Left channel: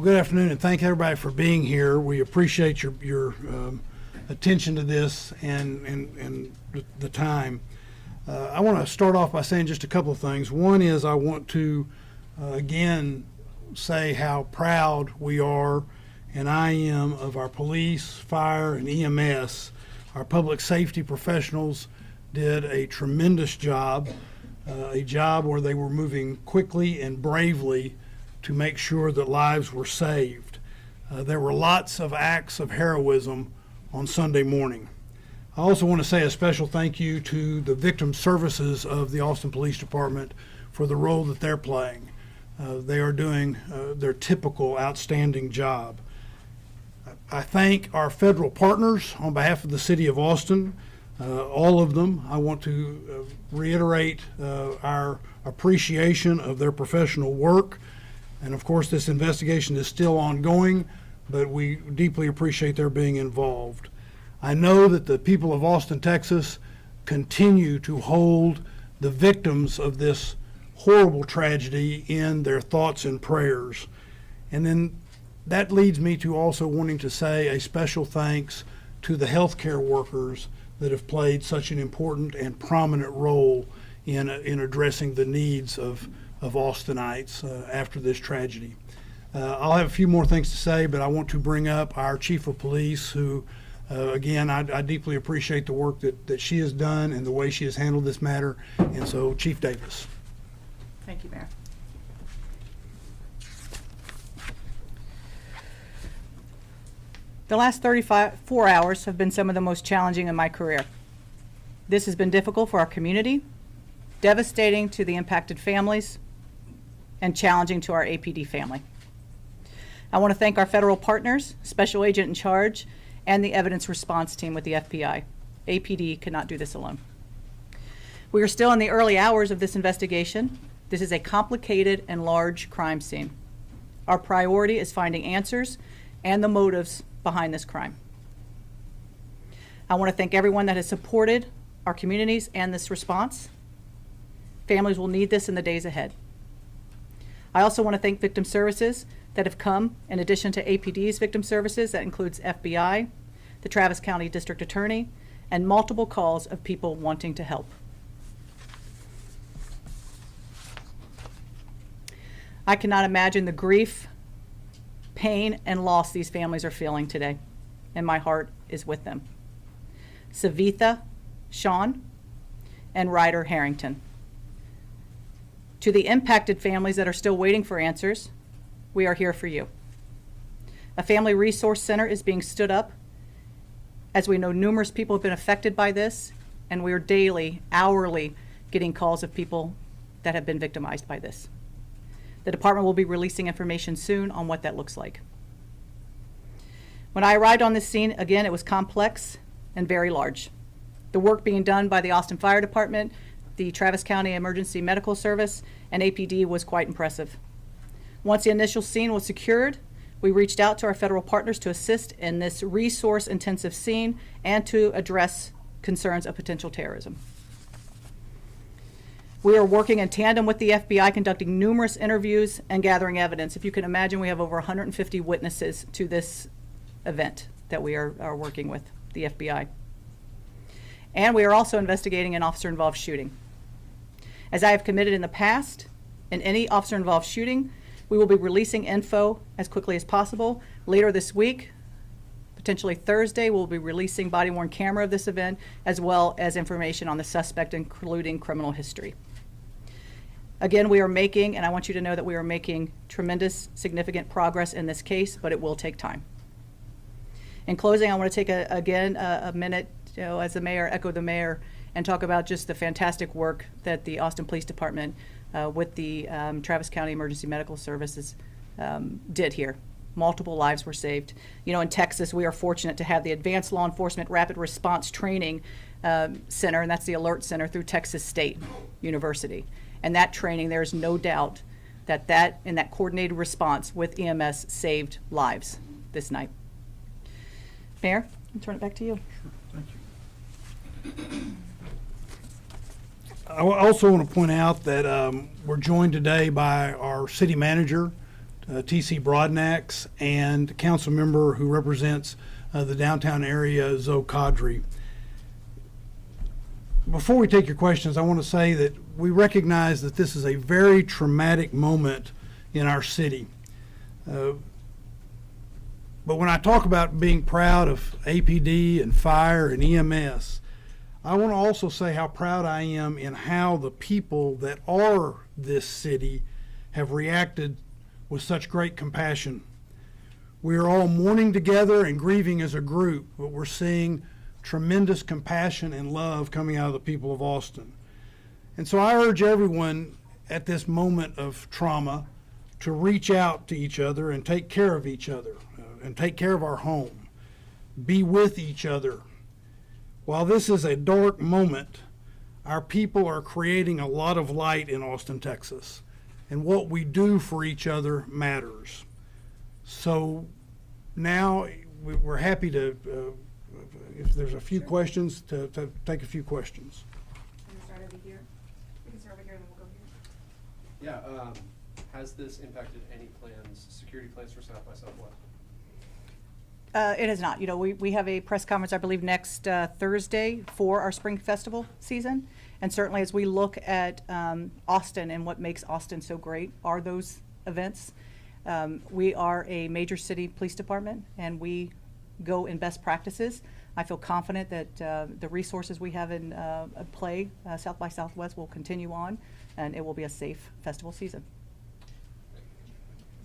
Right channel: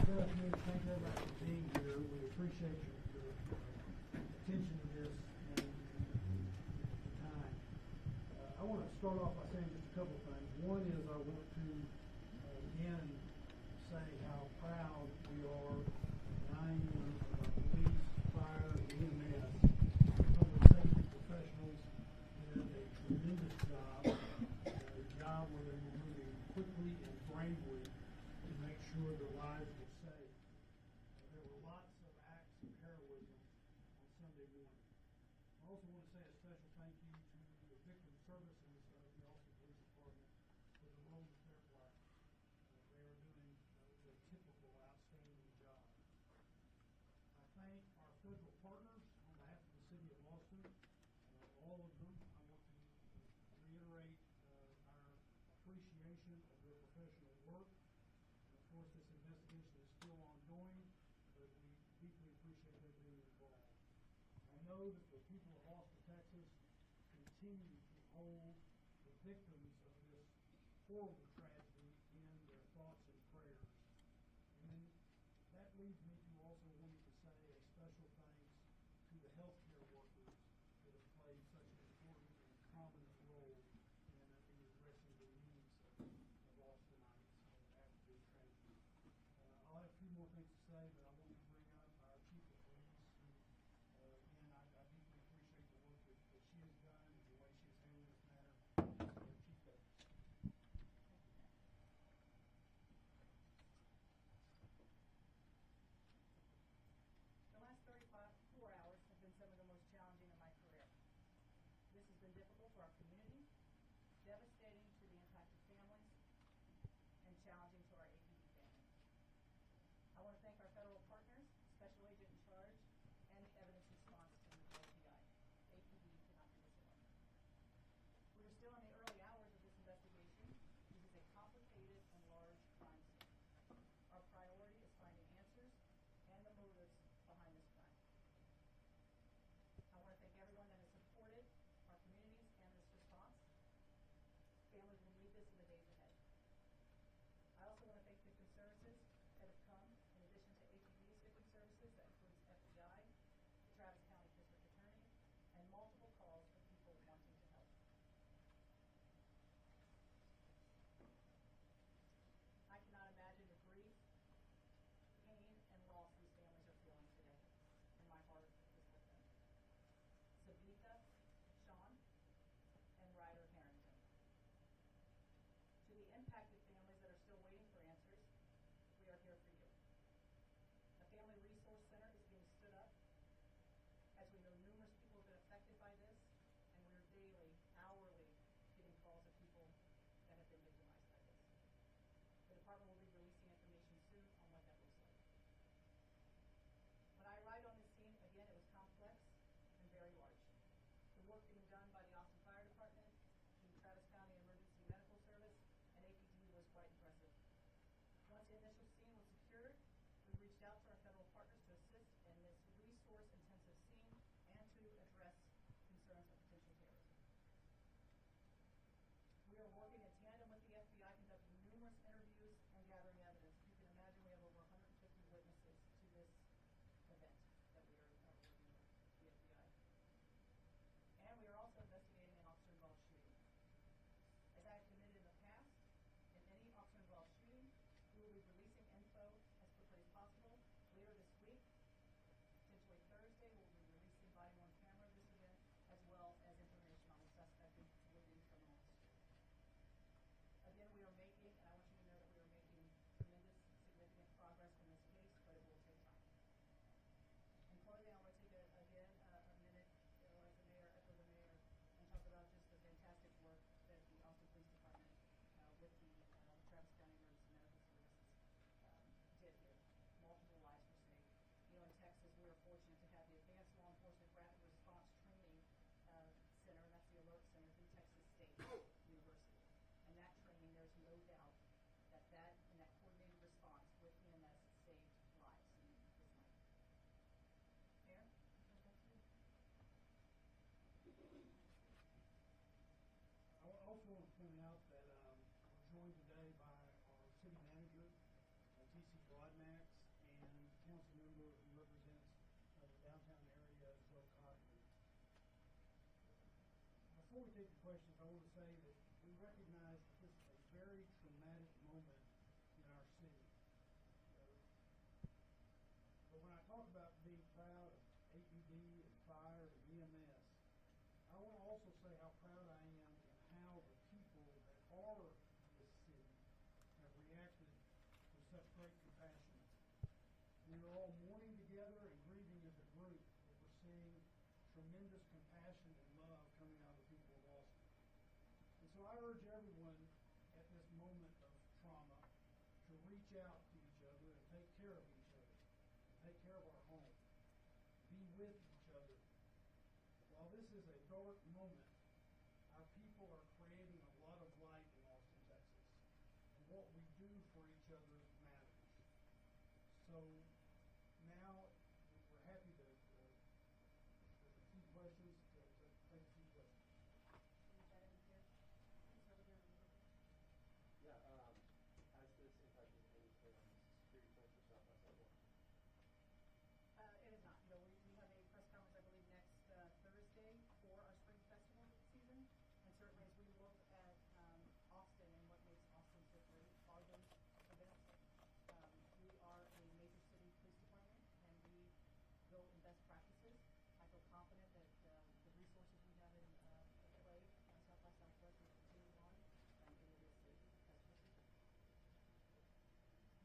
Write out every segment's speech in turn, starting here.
Good afternoon, and thank everybody for being here. We appreciate your attention to this and the time. I want to start off by saying just a couple of things. One is I want to again say how proud we are, and I am, of our police, fire, and EMS. Our public safety professionals did a tremendous job, a job where they were moving quickly and bravely to make sure that lives were saved. There were lots of acts of heroism on Sunday morning. I also want to say a special thank you to the victim services of the Austin Police Department for the role that they're playing. They are doing their typical outstanding job. I thank our federal partners on behalf of the City of Austin, all of them. I want to reiterate our appreciation of their professional work. And of course, this investigation is still ongoing, but we deeply appreciate their being involved. I know that the people of Austin, Texas continue to hold the victims of this horrible tragedy in their thoughts and prayers. And then that leads me to also wanting to say a special thanks to the healthcare workers that have played such an important and prominent role in addressing the needs of Austinites after this tragedy. I'll have a few more things to say, but I want to bring up our Chief of Police, who, again, I deeply appreciate the work that she has done and the way she has handled this matter. And so, Chief Davis. Thank you, Mayor. The last 34 hours have been some of the most challenging in my career. This has been difficult for our community, devastating to the impacted families, and challenging to our APD family. I want to thank our federal partners, Special Agent in Charge, and the evidence response team with the FBI. APD could not do this alone. We are still in the early hours of this investigation. This is a complicated and large crime scene. Our priority is finding answers and the motives behind this crime. I want to thank everyone that has supported our communities and this response. Families will need this in the days ahead. I also want to thank victim services that have come in addition to APD's victim services. That includes FBI, the Travis County District Attorney, and multiple calls of people wanting to help. I cannot imagine the grief, pain, and loss these families are feeling today, and my heart is with them. Savitha Shan and Ryder Harrington. To the impacted families that are still waiting for answers, we are here for you. A family resource center is being stood up, as we know numerous people have been affected by this, and we are daily, hourly getting calls of people that have been victimized by this. The department will be releasing information soon on what that looks like. When I arrived on this scene, again, it was complex and very large. The work being done by the Austin Fire Department, the Travis County Emergency Medical Service, and APD was quite impressive. Once the initial scene was secured, we reached out to our federal partners to assist in this resource-intensive scene and to address concerns of potential terrorism. We are working in tandem with the FBI, conducting numerous interviews and gathering evidence. If you can imagine, we have over 150 witnesses to this event that we are working with the FBI. And we are also investigating an officer-involved shooting. As I have committed in the past, in any officer-involved shooting, we will be releasing info as quickly as possible. Later this week, potentially Thursday, we'll be releasing body-worn camera of this event, as well as information on the suspect, including criminal history. Again, we are making, and I want you to know that we are making tremendous, significant progress in this case, but it will take time. In closing, I want to take a minute, as the mayor, echo the mayor, and talk about just the fantastic work that the Austin Police Department with the Travis County Emergency Medical Services did here. Multiple lives were saved. You know, in Texas, we are fortunate to have the Advanced Law Enforcement Rapid Response Training Center, and that's the Alert Center through Texas State University. And that training, there's no doubt that in that coordinated response with EMS saved lives this night. Mayor, I'll turn it back to you. Sure, thank you. I also want to point out that we're joined today by our city manager T.C. Broadnax, and council member who represents the downtown area, Zoe Kadri. Before we take your questions, I want to say that we recognize that this is a very traumatic moment in our city. But when I talk about being proud of APD and fire and EMS, I want to also say how proud I am in how the people that are this city have reacted with such great compassion. We are all mourning together and grieving as a group, but we're seeing tremendous compassion and love coming out of the people of Austin. And so I urge everyone at this moment of trauma to reach out to each other and take care of each other and take care of our home. Be with each other. While this is a dark moment, our people are creating a lot of light in Austin, Texas. And what we do for each other matters. So now we're happy to, if there's a few questions, to take a few questions. Can we start over here? We can start over here and then we'll go here. Yeah, has this impacted any plans, security plans for South by Southwest? It has not. You know, we have a press conference, I believe, next Thursday for our spring festival season. And certainly as we look at Austin and what makes Austin so great are those events. We are a major city police department and we go in best practices. I feel confident that the resources we have in play, South by Southwest, will continue on and it will be a safe festival season.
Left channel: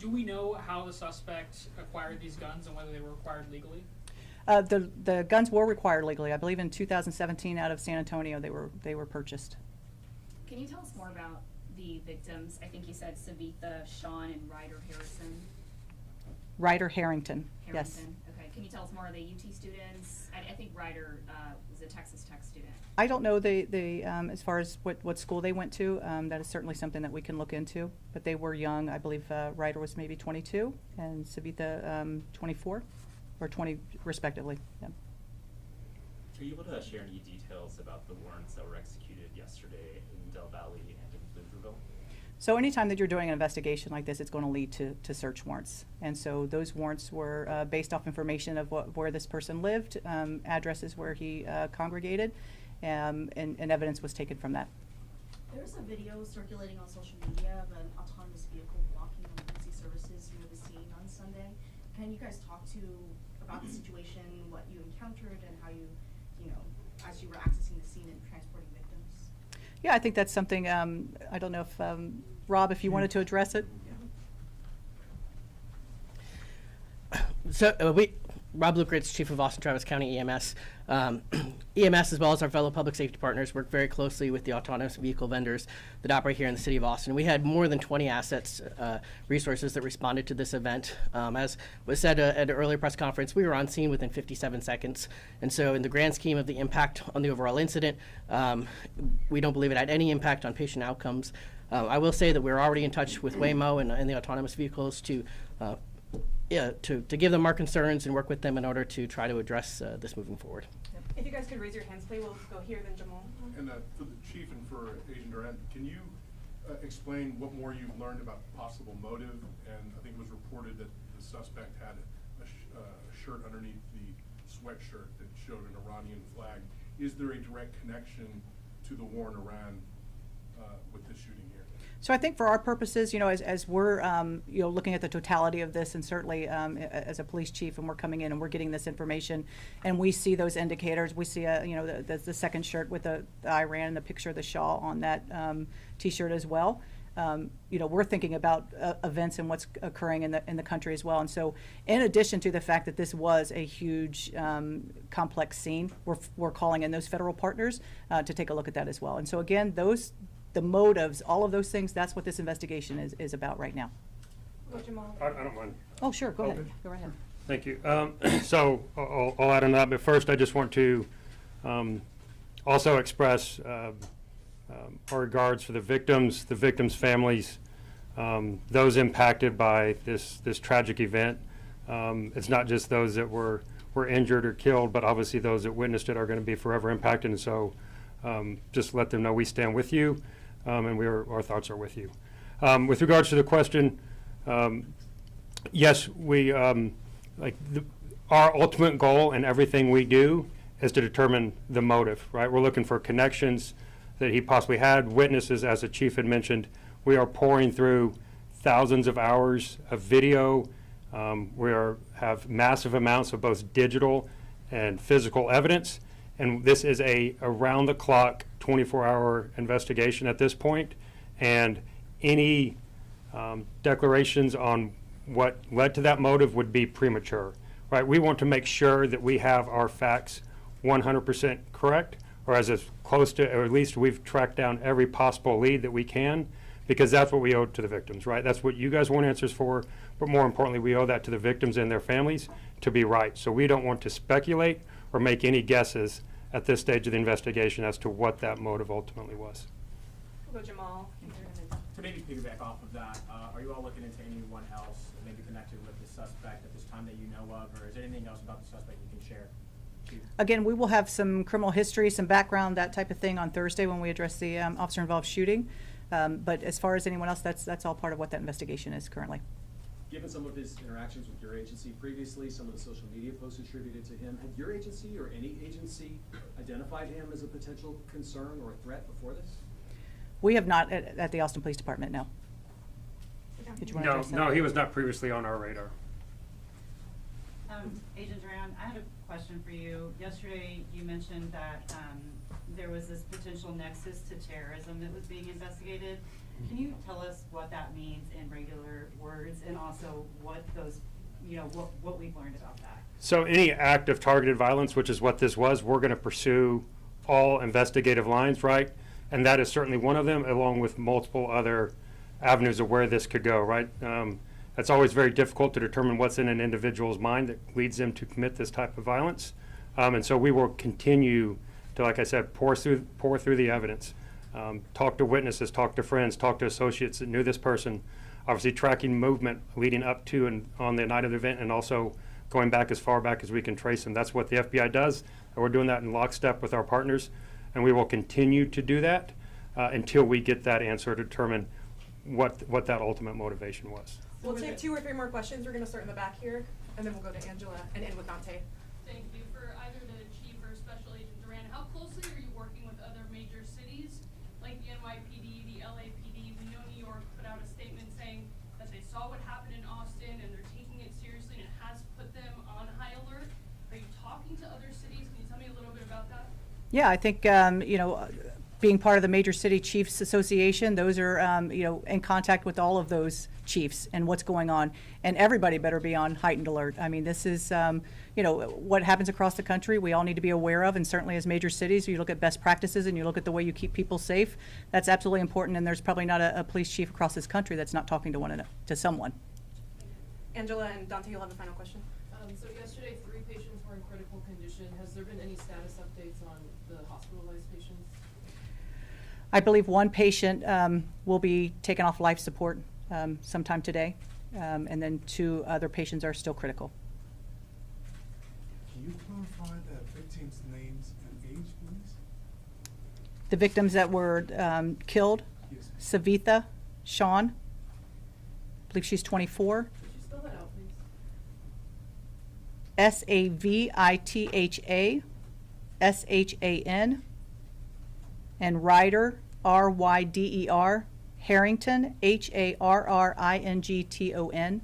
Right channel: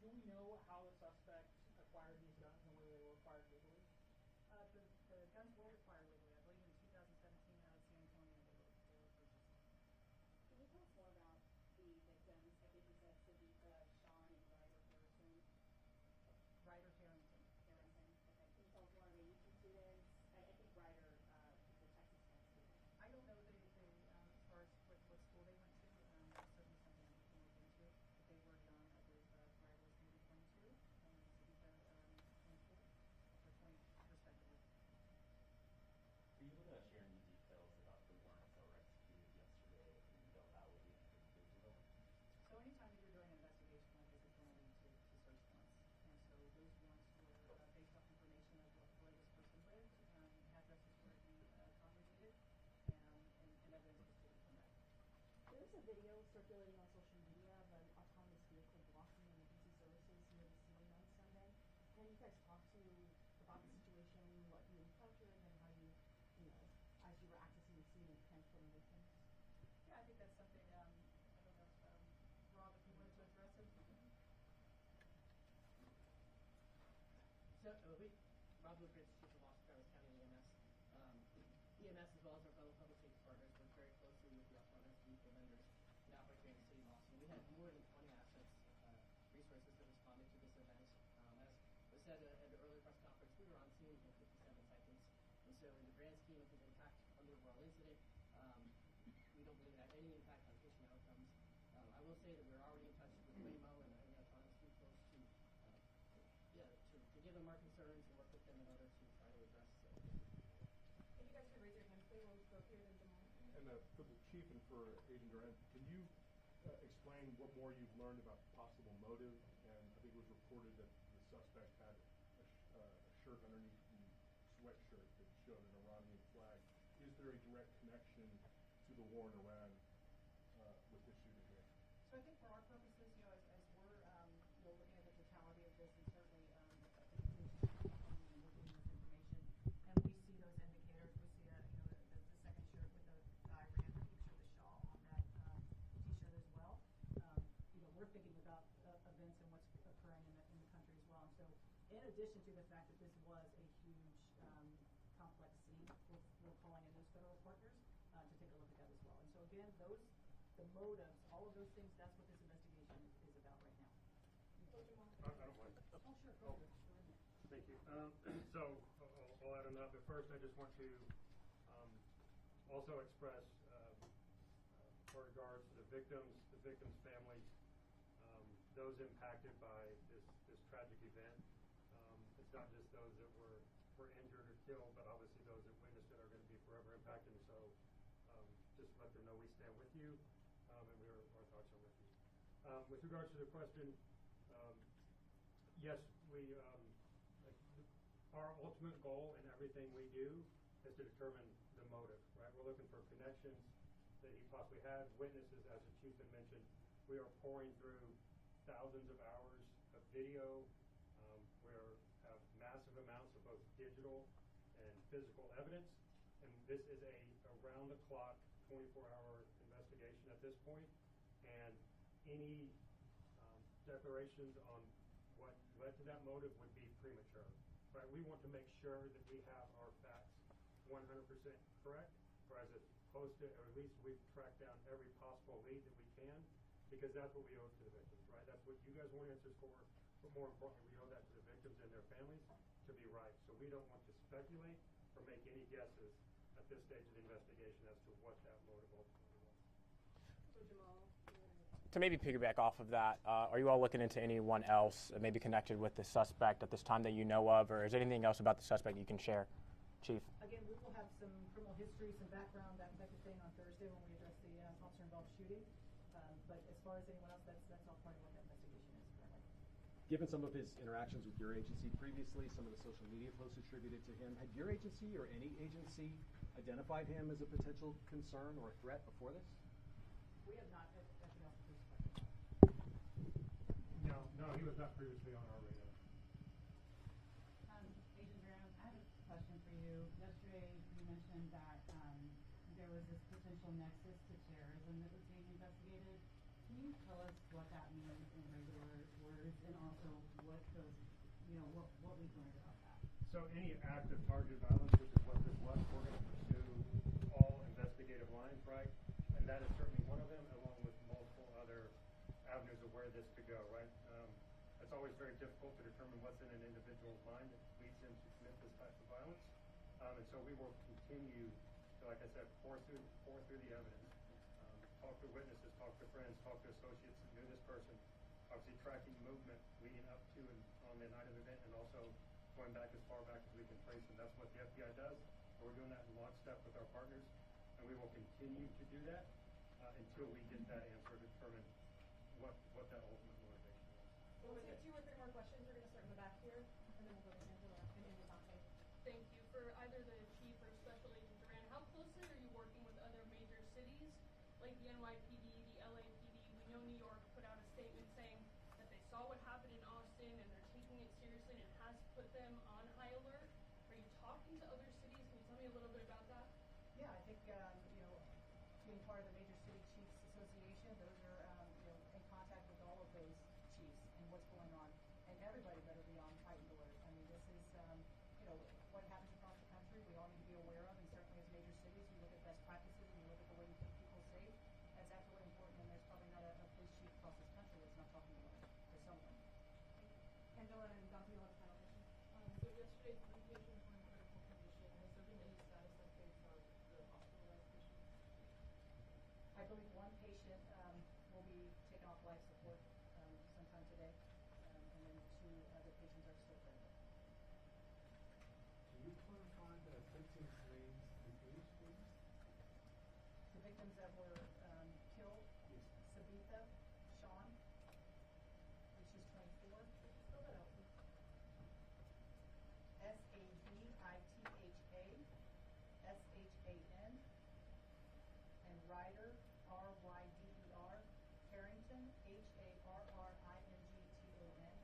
Do we know how the suspect acquired these guns and whether they were acquired legally? The guns were required legally. I believe in 2017 out of San Antonio they were purchased. Can you tell us more about the victims? I think you said Savitha Shan and Ryder Harrison. Ryder Harrington, yes. Okay. Can you tell us more? Are they UT students? I think Ryder was a Texas Tech student. I don't know as far as what school they went to. That is certainly something that we can look into. But they were young. I believe Ryder was maybe 22 and Savitha 24 or 20 respectively. Yeah. Are you able to share any details about the warrants that were executed yesterday in Del Valle and in Pflugerville? So anytime that you're doing an investigation like this, it's going to lead to search warrants. And so those warrants were based off information of where this person lived, addresses where he congregated, and evidence was taken from that. There's a video circulating on social media of an autonomous vehicle blocking emergency services near the scene on Sunday. Can you guys talk about the situation, what you encountered, and how you as you were accessing the scene and transporting victims? Yeah, I think that's something, I don't know if, Rob, if you wanted to address it? So Rob Lukritz, Chief of Austin Travis County EMS. EMS, as well as our fellow public safety partners, work very closely with the autonomous vehicle vendors that operate here in the city of Austin. We had more than 20 assets, resources that responded to this event. As was said at an earlier press conference, we were on scene within 57 seconds. And so in the grand scheme of the impact on the overall incident, we don't believe it had any impact on patient outcomes. I will say that we're already in touch with Waymo and the autonomous vehicles to give them our concerns and work with them in order to try to address this moving forward. If you guys could raise your hands, please. We'll go here, then Jamal. And for the chief and for Agent Durant, can you explain what more you've learned about possible motive? And I think it was reported that the suspect had a shirt underneath the sweatshirt that showed an Iranian flag. Is there a direct connection to the war in Iran with this shooting here? So I think for our purposes, as we're, looking at the totality of this, and certainly as a police chief, and we're coming in and we're getting this information, and we see those indicators, we see the second shirt with the Iran and the picture of the Shah on that T-shirt as well. We're thinking about events and what's occurring in the country as well. And so, in addition to the fact that this was a huge, complex scene, we're calling in those federal partners to take a look at that as well. And so again, the motives, all of those things, that's what this investigation is about right now. Jamal. I don't mind. Oh, sure, go ahead. Okay. Go right ahead. Thank you. So I'll add on that, but first I just want to also express our regards for the victims' families, those impacted by this tragic event. It's not just those that were injured or killed, but obviously those that witnessed it are going to be forever impacted. And so just let them know we stand with you, and our thoughts are with you. With regards to the question, Yes, we, our ultimate goal in everything we do is to determine the motive, right? We're looking for connections that he possibly had, witnesses, as the chief had mentioned. We are pouring through thousands of hours of video. Have massive amounts of both digital and physical evidence. And this is a around-the-clock, 24-hour investigation at this point. And any declarations on what led to that motive would be premature, right? We want to make sure that we have our facts 100% correct, or as close to, or at least we've tracked down every possible lead that we can, because that's what we owe to the victims, right? That's what you guys want answers for, but more importantly, we owe that to the victims and their families to be right. So we don't want to speculate or make any guesses at this stage of the investigation as to what that motive ultimately was. We'll go Jamal. To maybe piggyback off of that, are you all looking into anyone else that may be connected with the suspect at this time that you know of, or is there anything else about the suspect you can share? Chief? Again, we will have some criminal history, some background, that type of thing on Thursday when we address the officer-involved shooting. But as far as anyone else, that's all part of what that investigation is currently. Given some of his interactions with your agency previously, some of the social media posts attributed to him, had your agency or any agency identified him as a potential concern or threat before this? We have not at the Austin Police Department, no. Did you want to address that? No, he was not previously on our radar. Agent Duran, I had a question for you. Yesterday, you mentioned that there was this potential nexus to terrorism that was being investigated. Can you tell us what that means in regular words, and also what those, what we've learned about that? So any act of targeted violence, which is what this was, we're going to pursue all investigative lines, right? And that is certainly one of them, along with multiple other avenues of where this could go, right? It's always very difficult to determine what's in an individual's mind that leads them to commit this type of violence. And so we will continue to, like I said, pour through the evidence, talk to witnesses, talk to friends, talk to associates that knew this person, obviously tracking movement leading up to and on the night of the event, and also going back as far back as we can trace them. That's what the FBI does, and we're doing that in lockstep with our partners, and we will continue to do that until we get that answer to determine what that ultimate motivation was. We'll take 2 or 3 more questions. We're going to start in the back here, and then we'll go to Angela and end with Dante. Thank you. For either the chief or Special Agent Duran, how closely are you working with other major cities like the NYPD, the LAPD? We know New York put out a statement saying that they saw what happened in Austin and they're taking it seriously and it has put them on high alert. Are you talking to other cities? Can you tell me a little bit about that? Yeah, I think, being part of the Major City Chiefs Association, those are, in contact with all of those chiefs and what's going on. And everybody better be on heightened alert. I mean, this is, what happens across the country, we all need to be aware of. And certainly as major cities, you look at best practices and you look at the way you keep people safe. That's absolutely important. And there's probably not a police chief across this country that's not talking to someone. Angela and Dante, you'll have the final question. So yesterday, 3 patients were in critical condition. Has there been any status updates on the hospitalized patients? I believe one patient will be taken off life support sometime today, and then 2 other patients are still critical. Can you clarify the victims' names and age, please? The victims that were killed, Yes. Savitha Shan, I believe she's 24. Could you spell that out, please? Savitha Shan, and Ryder, Ryder, Harrington, Harrington.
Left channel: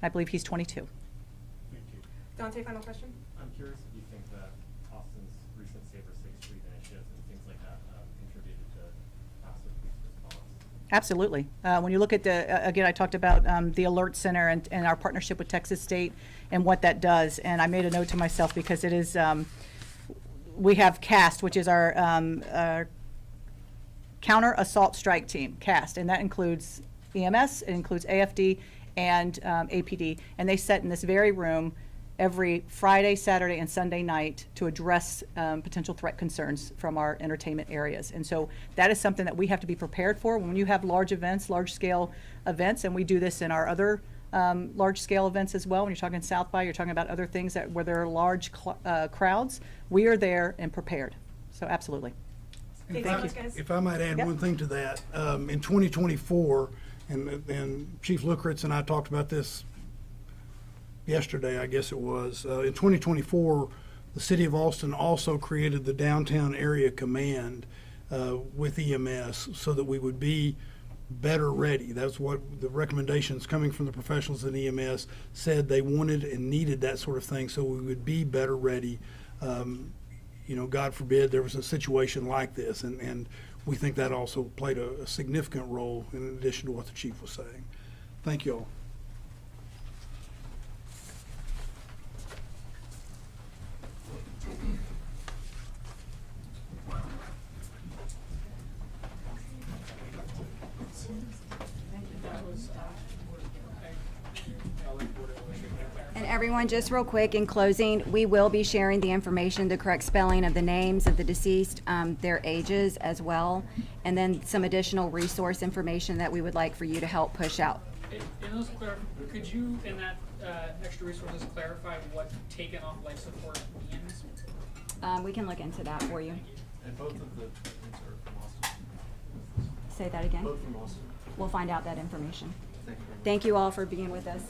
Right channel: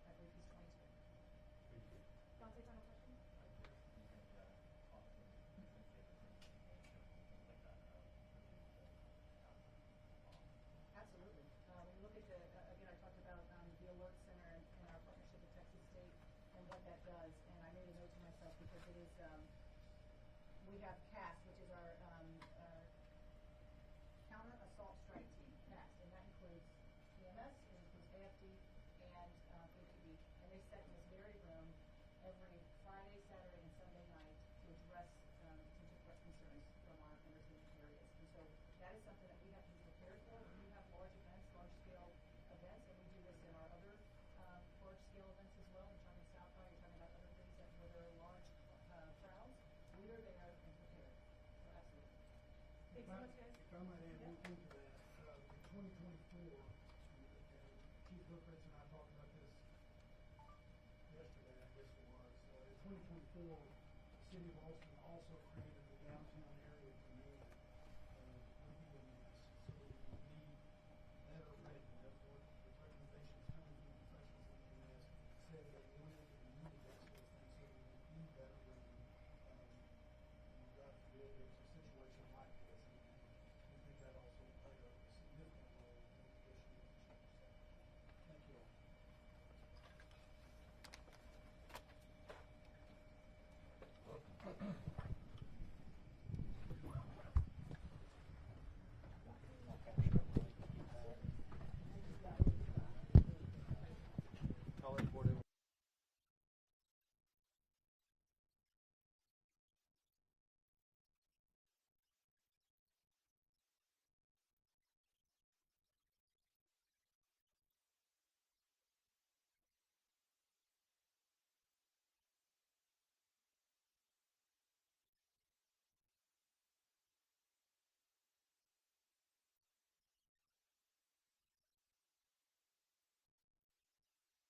I believe he's 22. Thank you. Dante, final question. I'm curious if you think that Austin's recent Safer 6th Street initiatives and things like that contributed to faster police response. Absolutely. When you look at again, I talked about the Alert Center and our partnership with Texas State and what that does. And I made a note to myself because it is, we have CAST, which is our Counter Assault Strike Team, CAST, and that includes EMS, it includes AFD and APD. And they sit in this very room every Friday, Saturday, and Sunday night to address potential threat concerns from our entertainment areas. And so that is something that we have to be prepared for when you have large events, large-scale events, and we do this in our other large-scale events as well. When you're talking South by, you're talking about other things where there are large crowds. We are there and prepared. So absolutely. If I might add Yep. one thing to that, in 2024, and Chief Lukeritz and I talked about this yesterday, I guess it was. In 2024, the City of Austin also created the Downtown Area Command with EMS so that we would be better ready. That's what the recommendations coming from the professionals in EMS said they wanted and needed, that sort of thing, so we would be better ready. You know, God forbid there was a situation like this, and we think that also played a significant role in addition to what the chief was saying. Thank you all. And everyone, just real quick, in closing, we will be sharing the information, the correct spelling of the names of the deceased, their ages as well, and then some additional resource information that we would like for you to help push out. In those could you, in that extra resources, clarify what taken off life support means? We can look into that for you. And both of the treatments are from Austin. Say that again? Both from Austin. We'll find out that information. Thank you. Thank you all for being with us.